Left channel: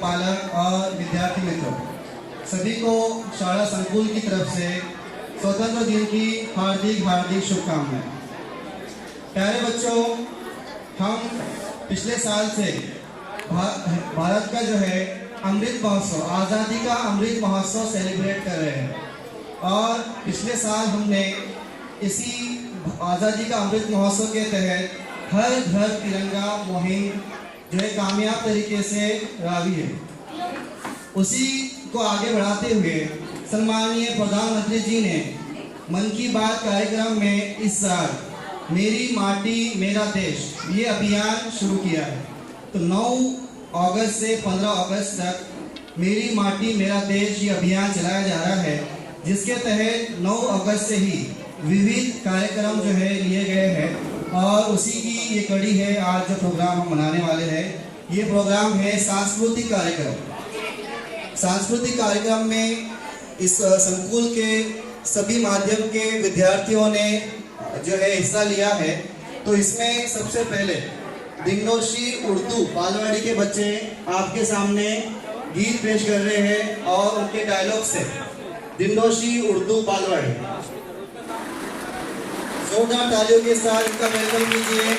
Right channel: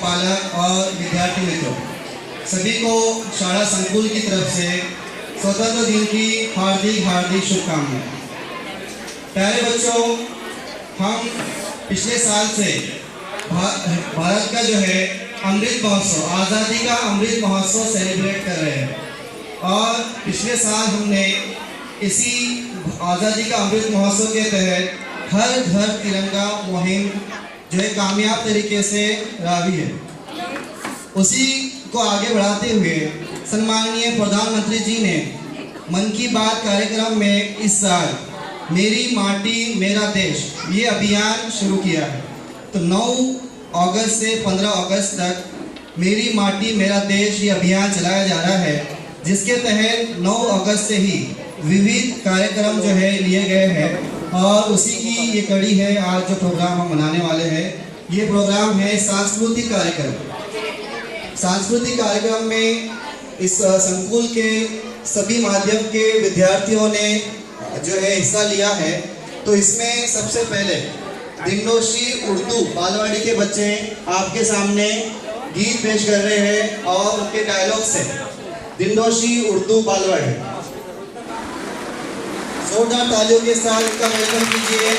पालक और विद्यार्थी मित्रों, सभी को शाला संकुल की तरफ से स्वतंत्र दिन की हार्दिक हार्दिक शुभकामनाएं। प्यारे बच्चों, हम पिछले साल से भारत का जो है अमृत महोत्सव, आज़ादी का अमृत महोत्सव सेलिब्रेट कर रहे हैं। और पिछले साल हमने इसी आज़ादी का अमृत महोत्सव के तहत हर घर तिरंगा मुहिम जो है कामयाब तरीके से रावी है। उसी को आगे बढ़ाते हुए सम्माननीय प्रधानमंत्री जी ने मन की बात कार्यक्रम में इस साल मेरी माटी मेरा देश ये अभियान शुरू किया है। तो 9 अगस्त से 15 अगस्त तक मेरी माटी मेरा देश ये अभियान चलाया जा रहा है, जिसके तहत 9 अगस्त से ही विविध कार्यक्रम जो है लिए गए हैं और उसी की ये कड़ी है। आज जो प्रोग्राम हम मनाने वाले हैं, ये प्रोग्राम है सांस्कृतिक कार्यक्रम। सांस्कृतिक कार्यक्रम में इस संकुल के सभी माध्यम के विद्यार्थियों ने जो है हिस्सा लिया है। तो इसमें सबसे पहले दिंडोशी उर्दू बालवाड़ी के बच्चे आपके सामने गीत पेश कर रहे हैं और उनके डायलॉग से दिंडोशी उर्दू बालवाड़ी जोरदार तालियों के साथ इनका वेलकम कीजिए।